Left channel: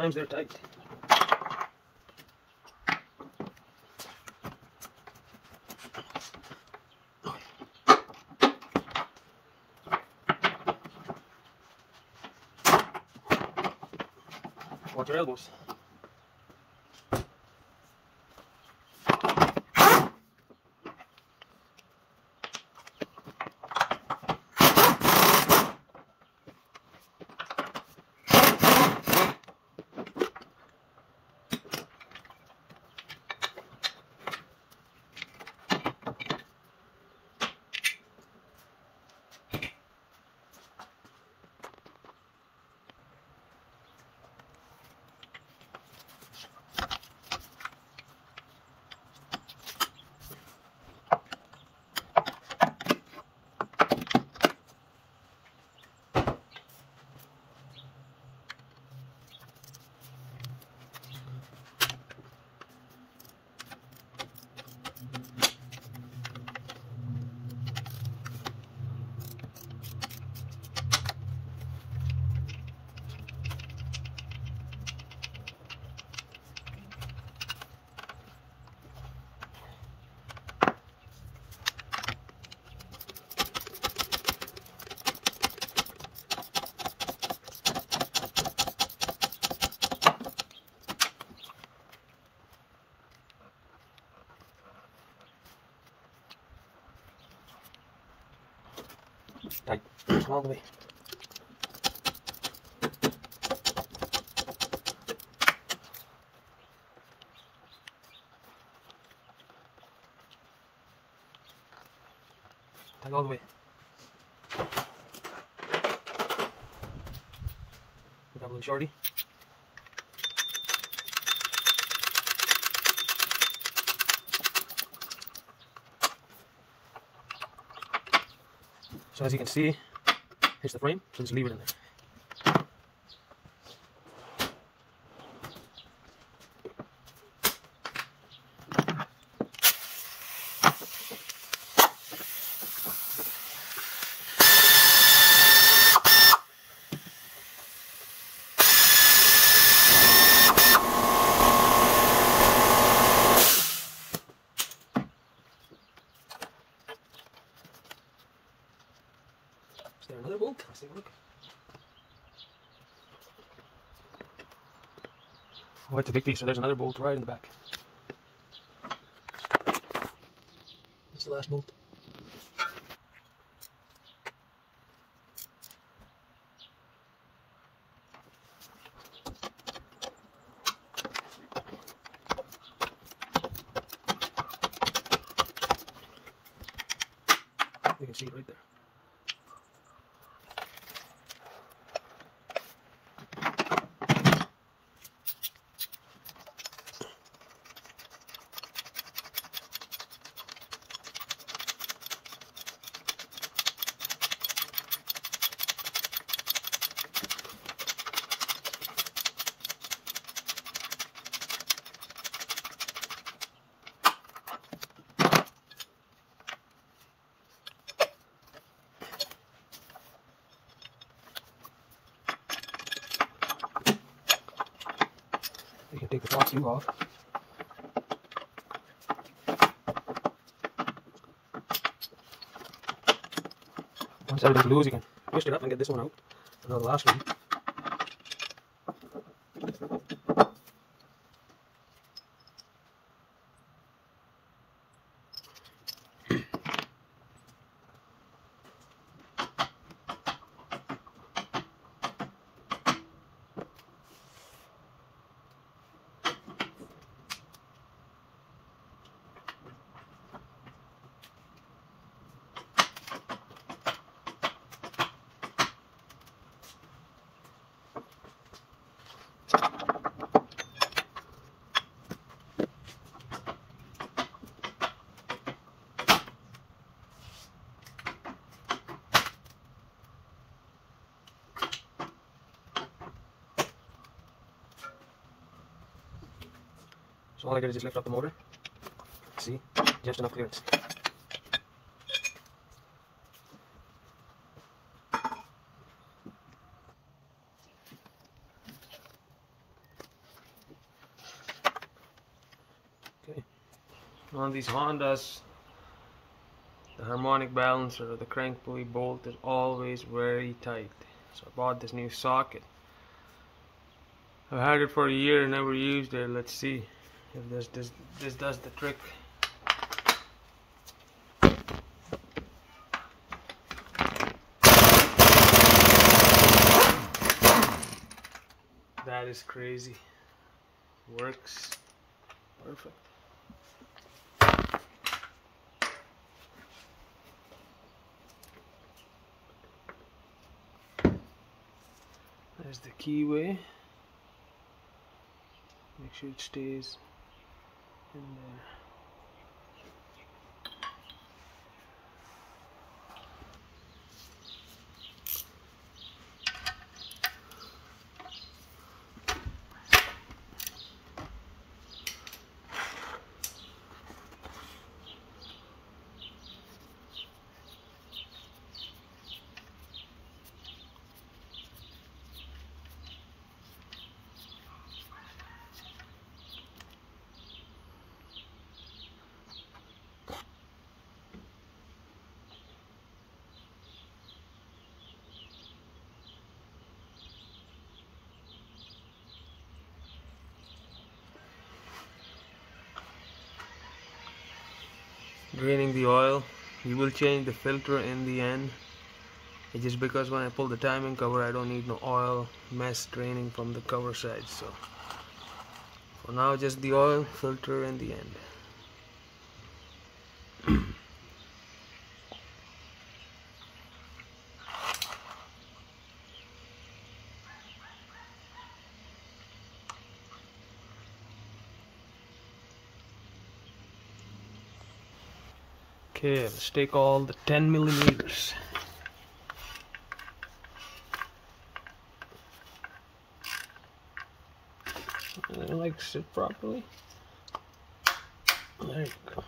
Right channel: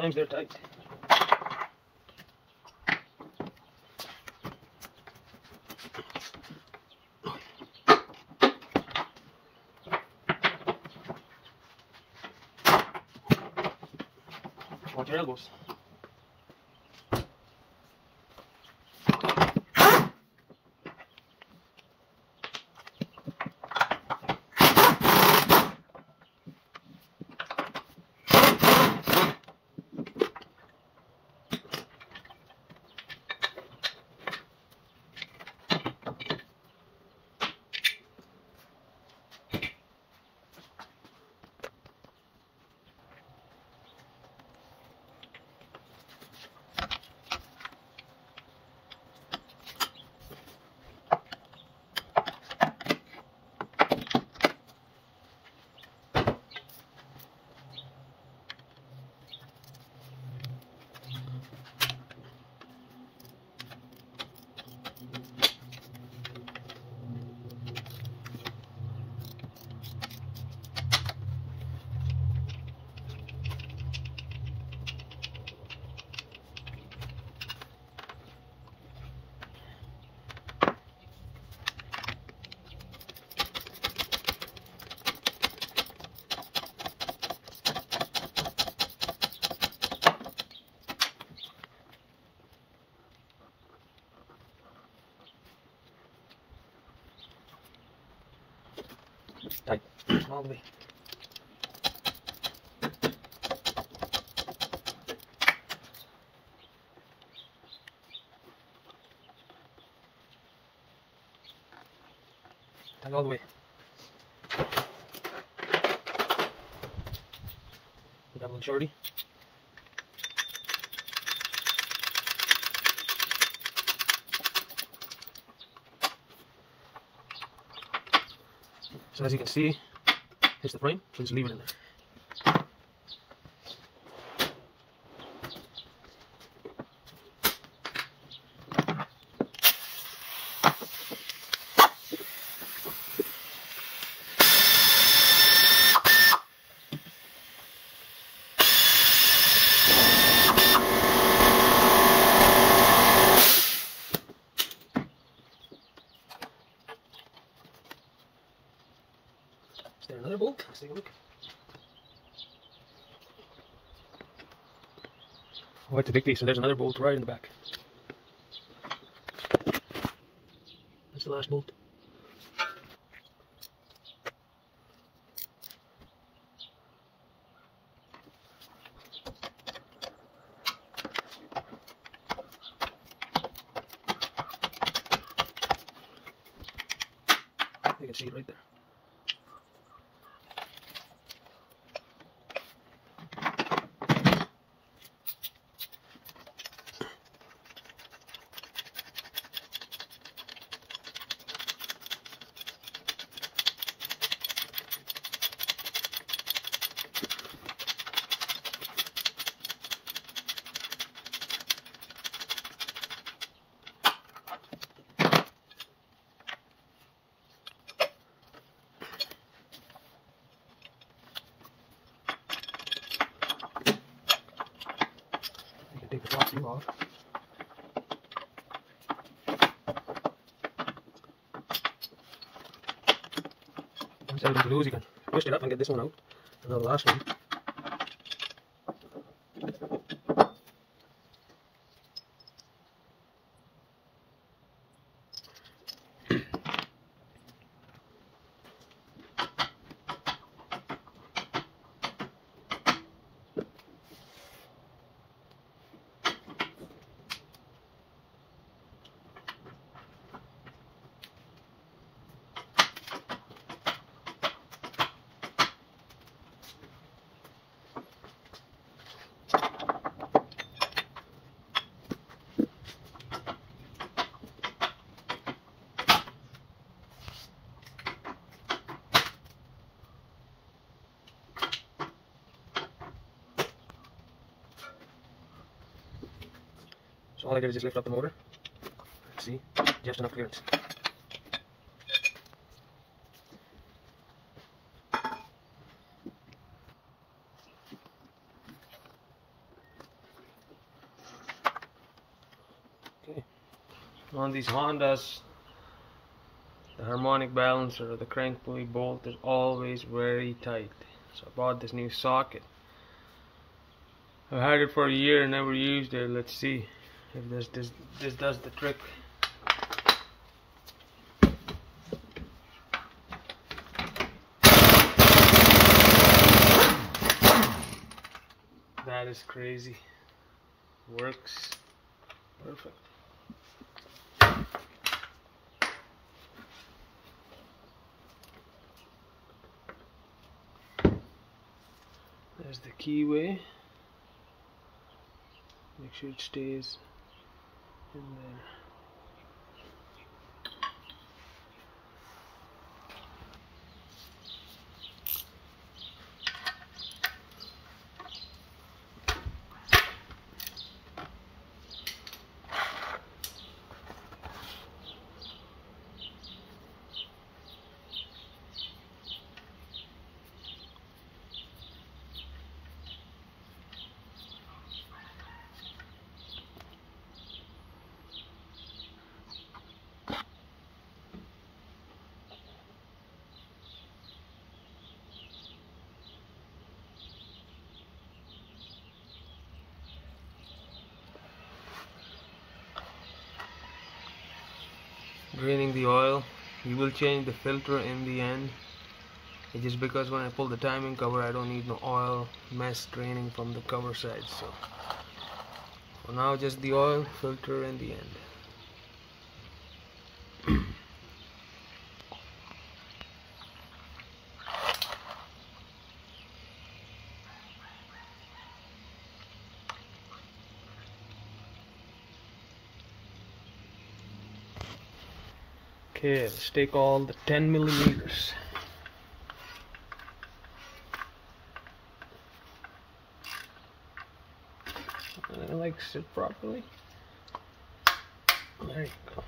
Sometimes they're tight. Watch your elbows. Tight. All the way. Tight all the way. Put that one shorty. So as you can see, here's the frame, so just leave it in there. Is there another bolt? Let's take a look. Oh, it's a big piece, so there's another bolt right in the back. That's the last bolt. You can see it right there. You can take the top two off. Once everything's loose, you can twist it up and get this one out. And now the last one. So all I did is just lift up the motor. See, just enough clearance. On these Hondas, the harmonic balancer or the crank pulley bolt is always very tight. So I bought this new socket. I've had it for a year and never used it. Let's see if this does the trick. That is crazy. Works perfect. There's the keyway. Make sure it stays in there. Draining the oil. We will change the filter in the end. It's just because when I pull the timing cover, I don't need no oil mess draining from the cover side. So for now, just the oil filter in the end. Okay, let's take all the 10 millimeters. Like sit properly. There you go.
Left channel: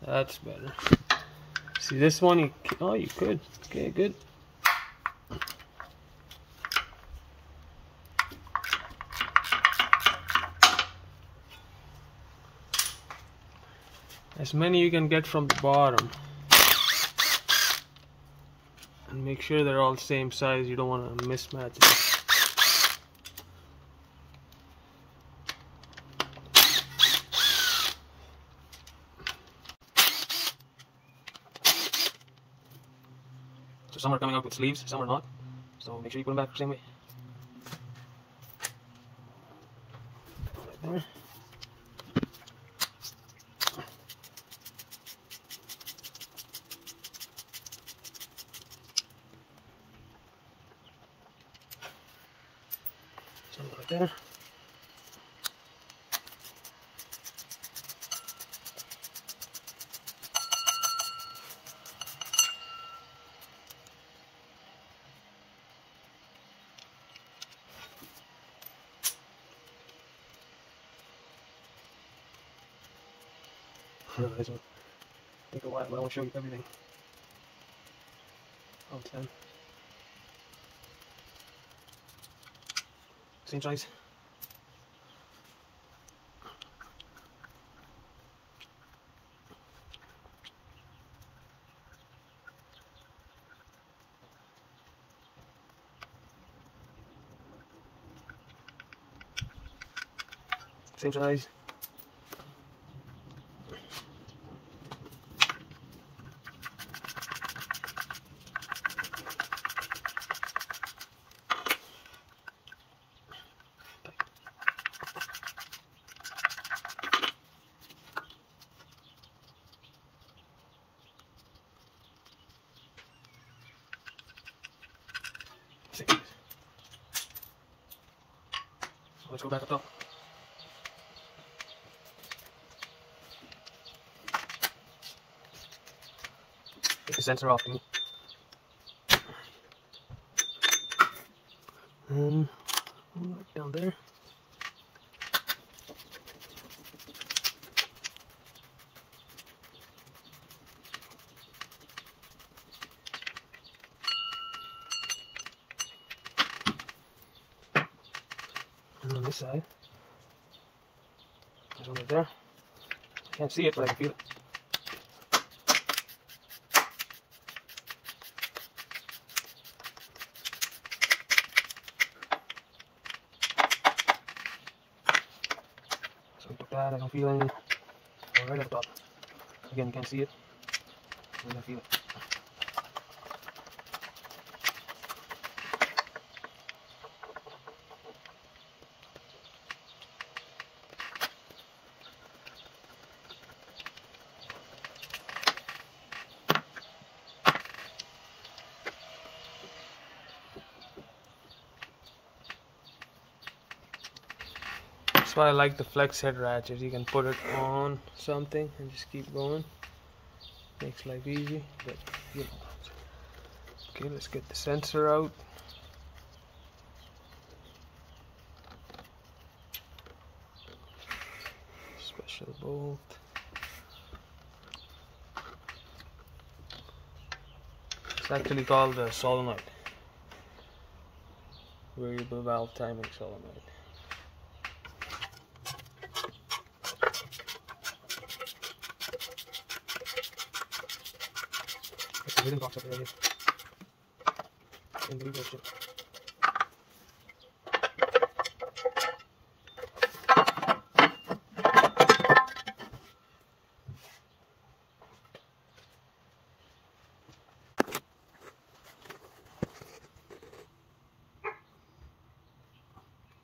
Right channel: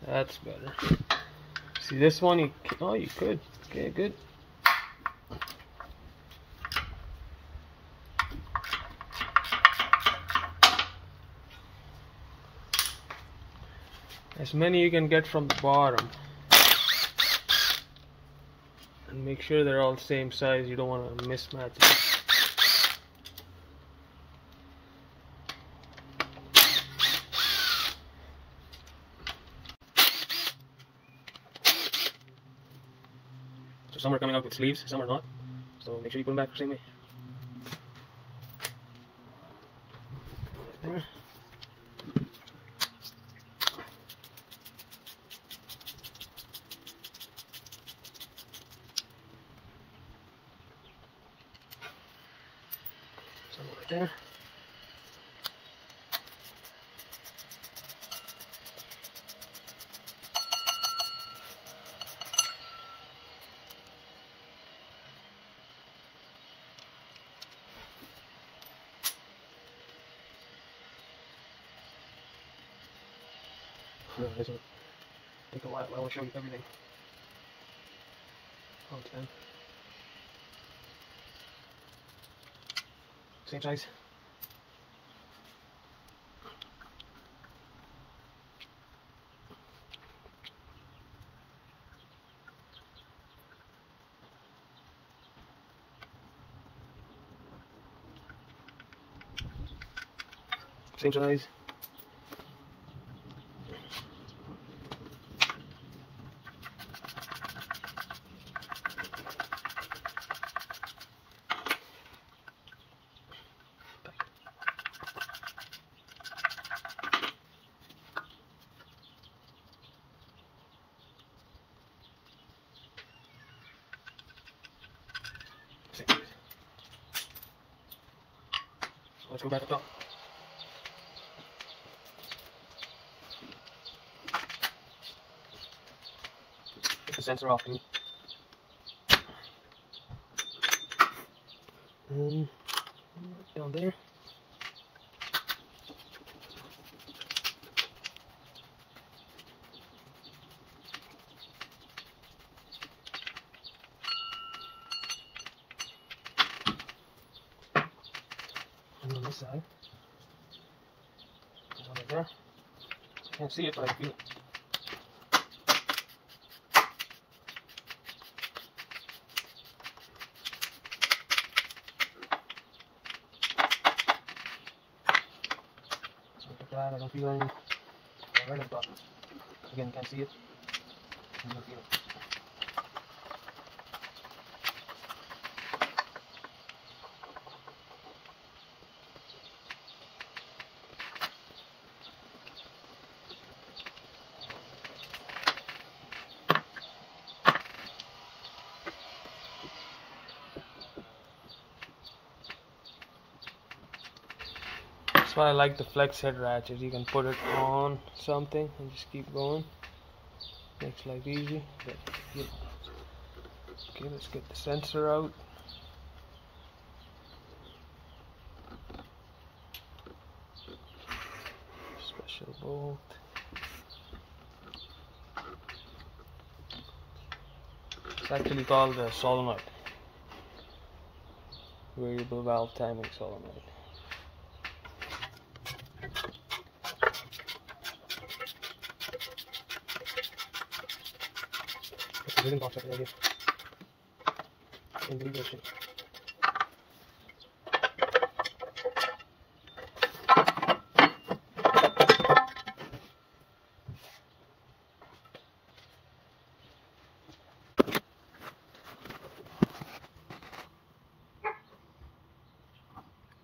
That's better. See this one? You could. Okay, good. As many you can get from the bottom. And make sure they're all the same size. You don't want to mismatch them. So some are coming out with sleeves, some are not. So make sure you put them back the same way. Right there. So right there. This will take a while, but I want to show you everything. All 10. Same size. Same size. Let's go back up top. Get the sensor off me. Right down there. this side. There's one right there. Can't see it, but I can feel it. So I took that, I don't feel anything. Right at the top. Again, you can't see it. I don't feel it. That's why I like the flex head ratchet. You can put it on something and just keep going. Makes life easy. But, you know. Okay, let's get the sensor out. Special bolt. It's actually called a solenoid. Variable valve timing solenoid. Really not right here. In the direction.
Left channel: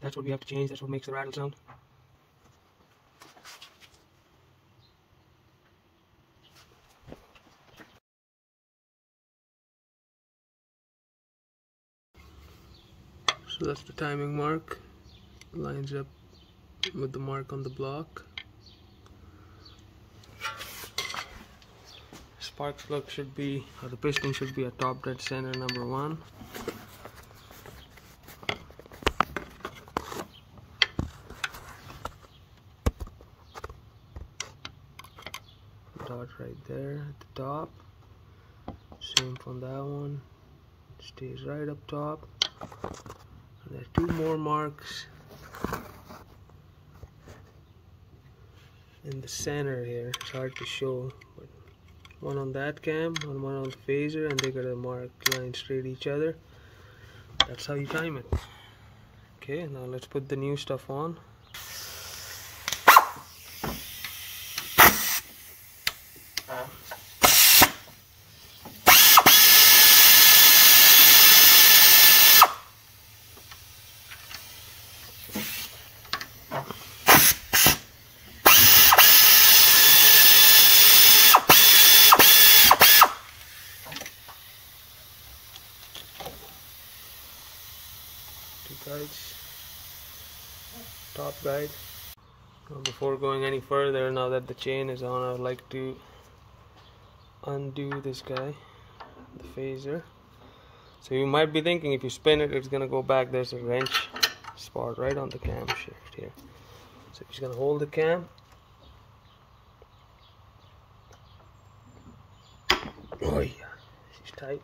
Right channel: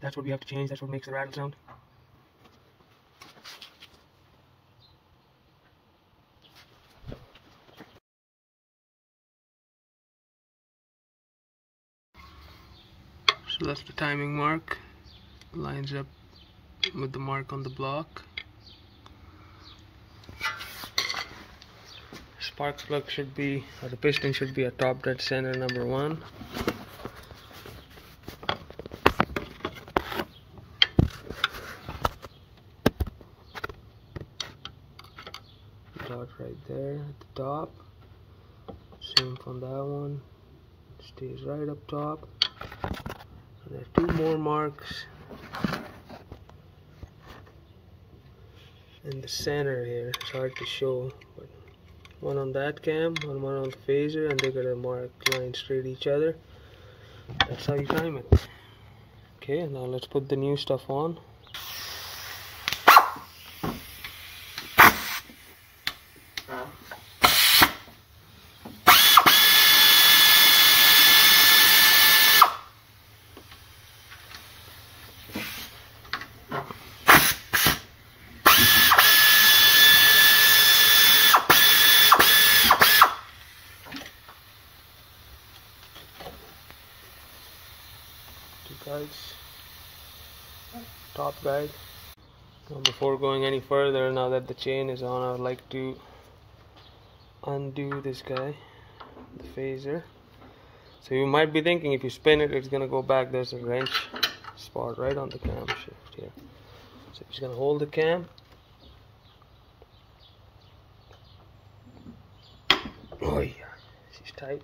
That's what we have to change. That's what makes the rattle sound. So that's the timing mark, lines up with the mark on the block. Spark plug should be, or the piston should be at top dead center number 1. Dot right there at the top. Same from that one. Stays right up top. There are 2 more marks in the center here. It's hard to show, but one on that cam and one on the phaser, and they got a mark line straight each other. That's how you time it. Okay, now let's put the new stuff on. Guides, top guide. Now before going any further, now that the chain is on, I would like to undo this guy, the phaser. So you might be thinking if you spin it, it's gonna go back. There's a wrench spot right on the camshaft here. So you're just gonna hold the cam. Oh yeah, she's tight.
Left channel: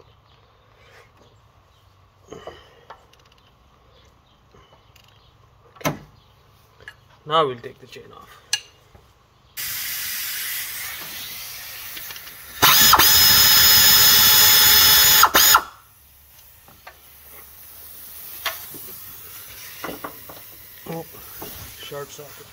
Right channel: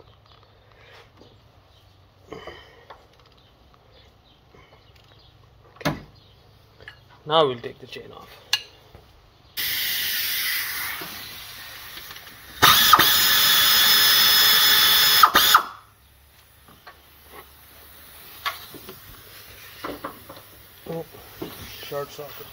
Now we'll take the chain off. Oh, short socket.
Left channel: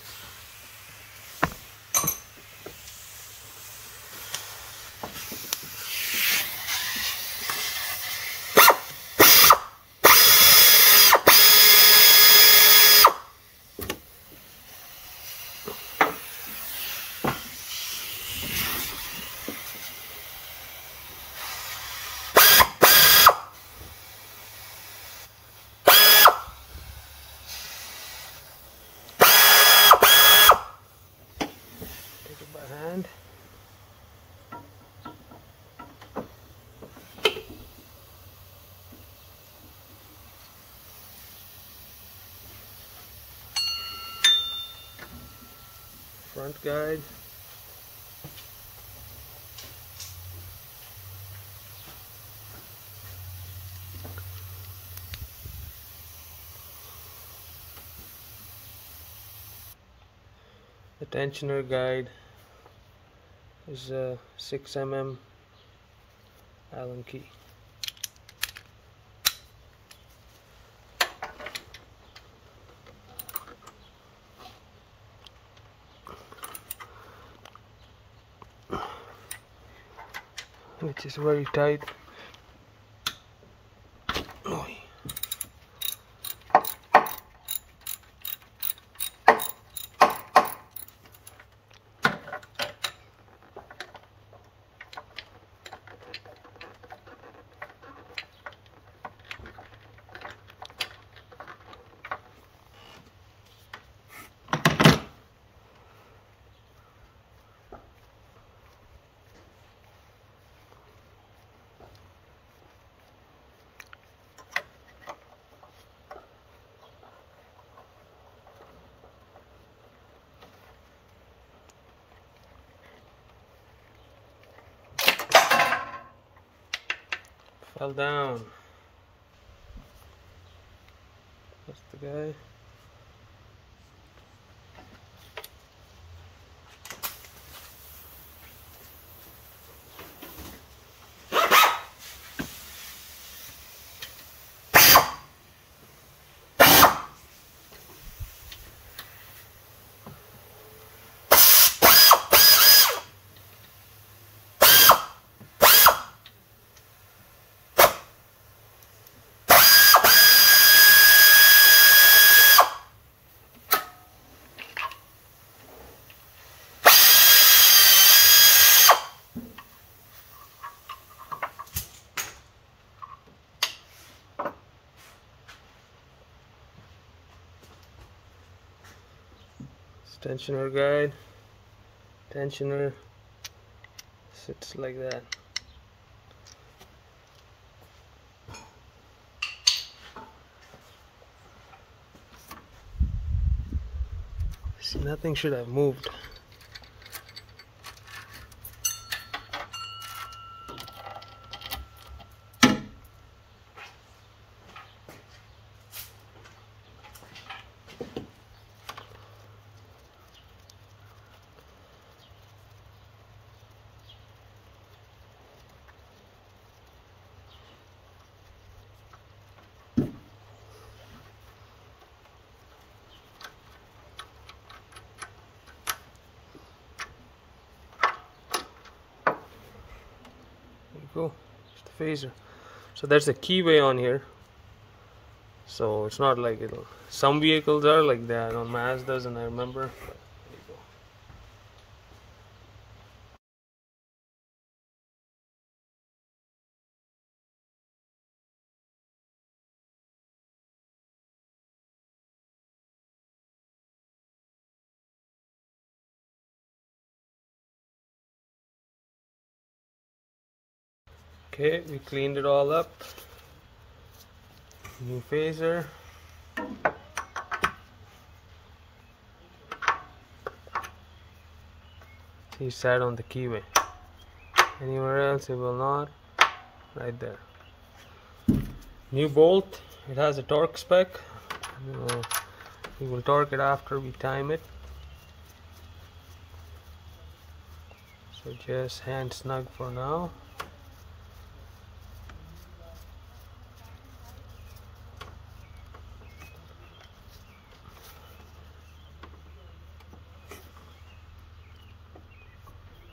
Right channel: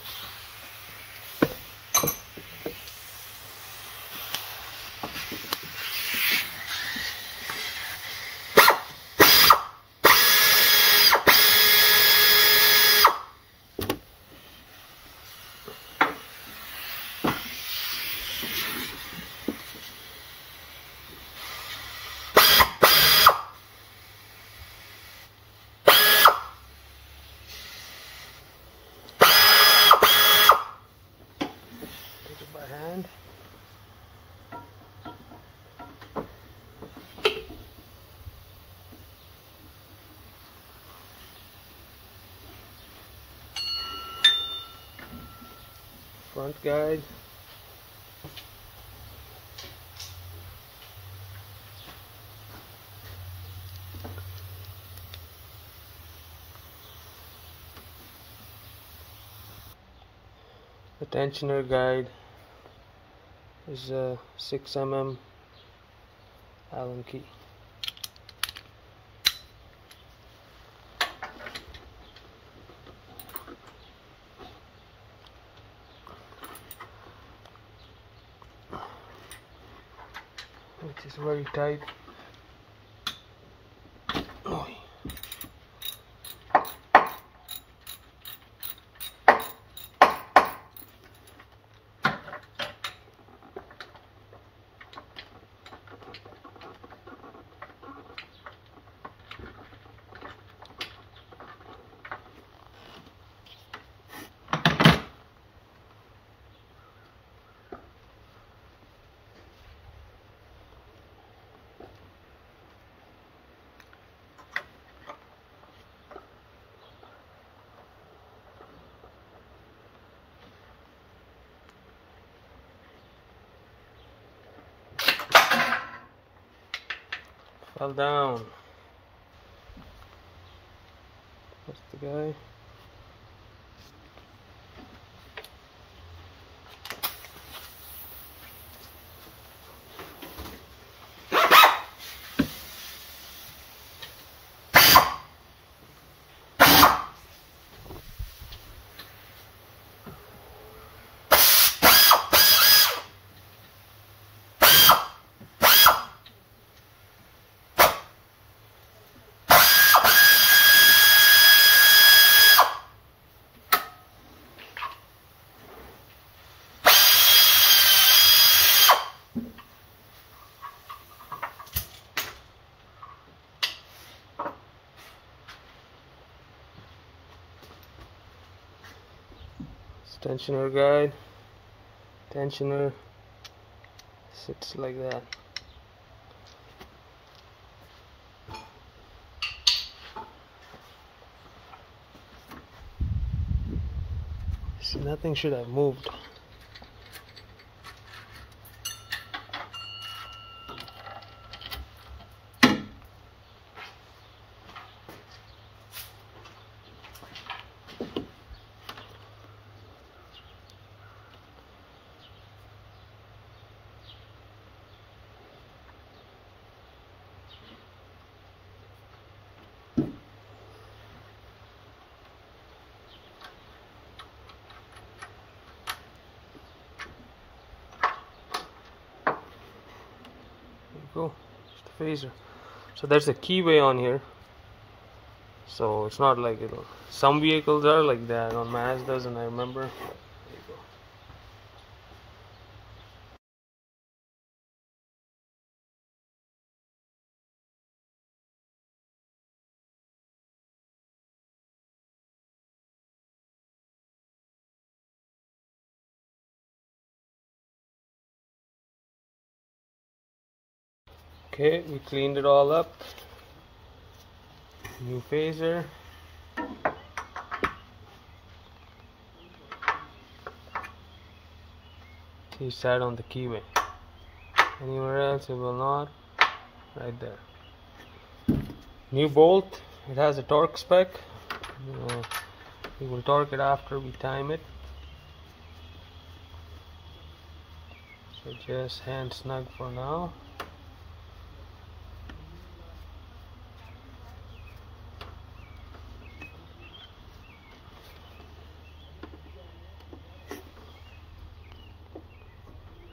Front guide. The tensioner guide is a 6 mm Allen key. Which is very tight. Oh. Fell down. That's the guy. Tensioner guide. Tensioner sits like that. So nothing should have moved. Go. It's the phaser. So there's a keyway on here. So it's not like it'll. Some vehicles are like that on Mazdas, and I remember. There you go. Okay, we cleaned it all up. New phaser. He sat on the keyway. Anywhere else it will not. Right there. New bolt. It has a torque spec. We will torque it after we time it. So just hand snug for now.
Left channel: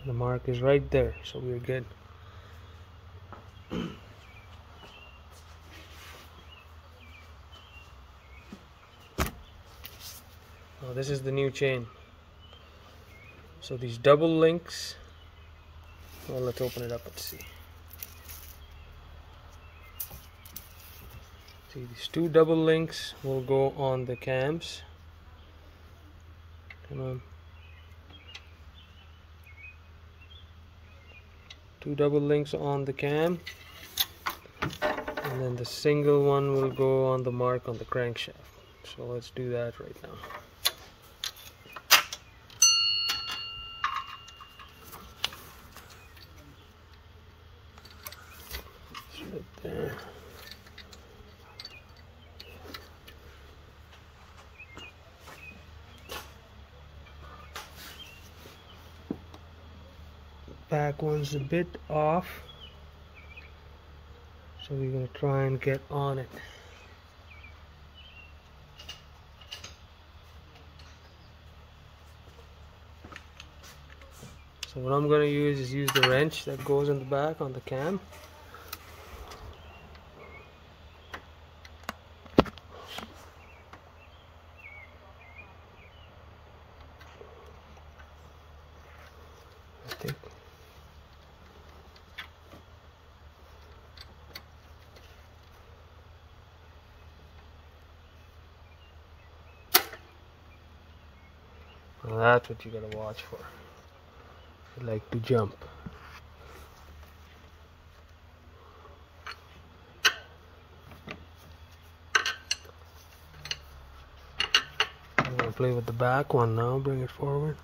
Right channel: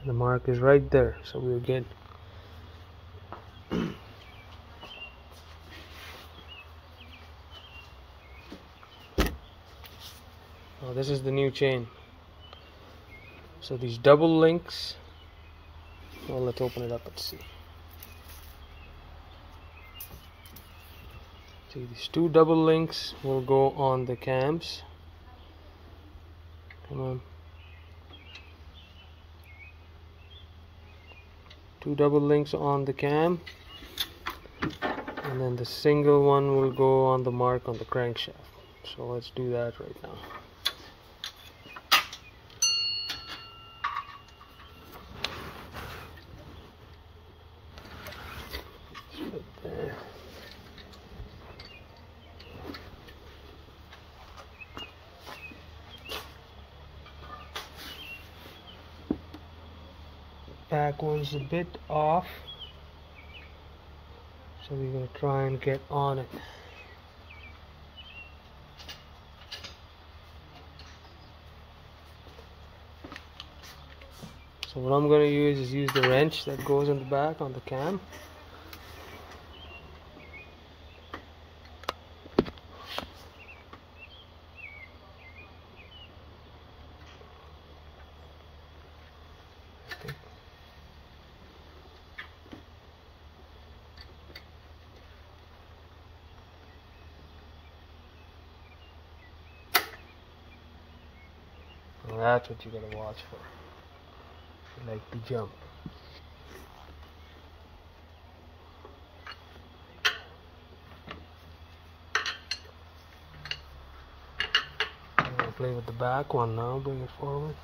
The mark is right there, so we're good. Now this is the new chain. So these double links, well, let's open it up and see. See, these two double links will go on the cams. Come on. Two double links on the cam, and then the single one will go on the mark on the crankshaft. So let's do that right now. Right there. Back one's a bit off, so we're going to try and get on it. So what I'm going to use the wrench that goes in the back on the cam. That's what you gotta watch for. You like to jump. I'm gonna play with the back one now, bring it forward.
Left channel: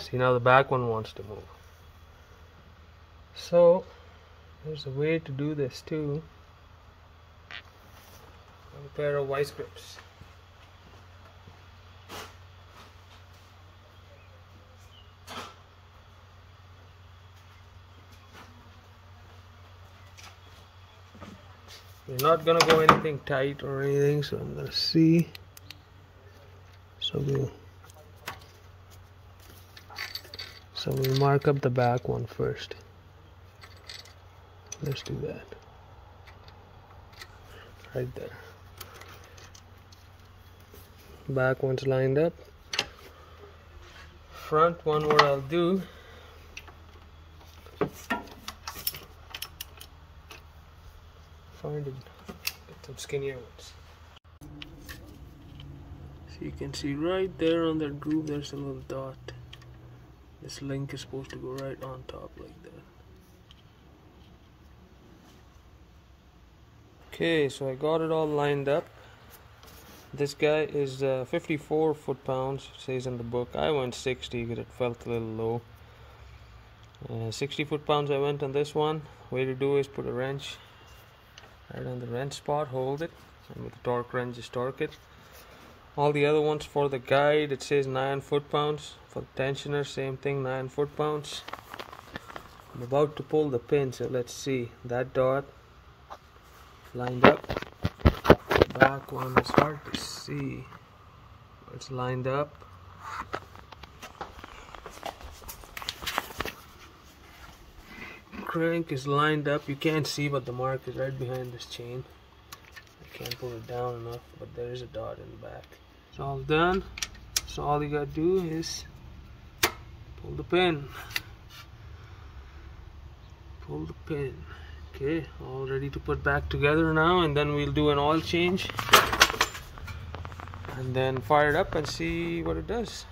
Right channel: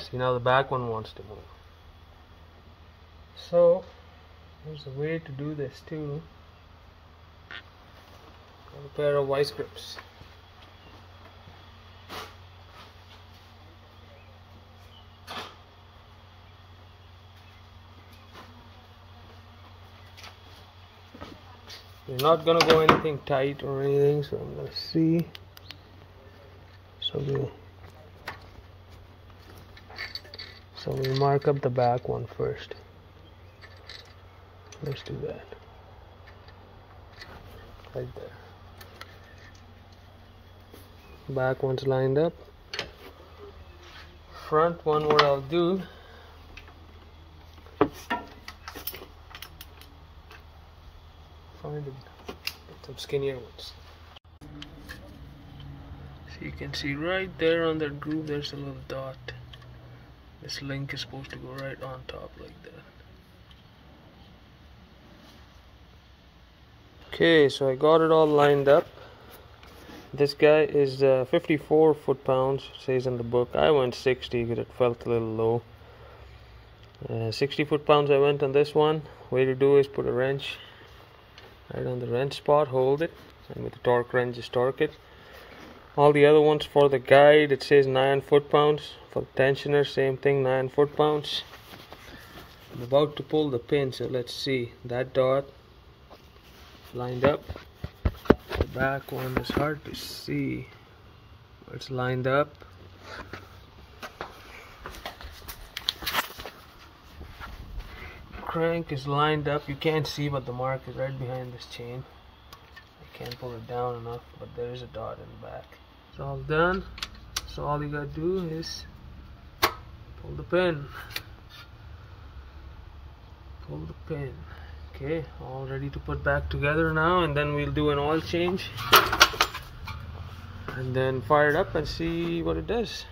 See, now the back one wants to move. So, there's a way to do this too. Got a pair of vice grips. We're not gonna go anything tight or anything, so I'm gonna see. So we'll mark up the back one first. Let's do that. Right there. Back one's lined up. Front one, what I'll do, get some skinnier ones. So you can see right there on that groove there's a little dot. This link is supposed to go right on top like that. Okay, so I got it all lined up. This guy is 54 foot-pounds, says in the book. I went 60 because it felt a little low. 60 foot-pounds I went on this one. Way to do is put a wrench right on the wrench spot, hold it, and with the torque wrench just torque it. All the other ones for the guide, it says 9 foot-pounds. For the tensioner, same thing, 9 foot-pounds. I'm about to pull the pin, so let's see. That dot lined up. The back one is hard to see. It's lined up. Crank is lined up. You can't see, but the mark is right behind this chain. I can't pull it down enough, but there is a dot in the back. It's all done. So all you gotta do is pull the pin. Pull the pin. Okay, all ready to put back together now, and then we'll do an oil change and then fire it up and see what it does.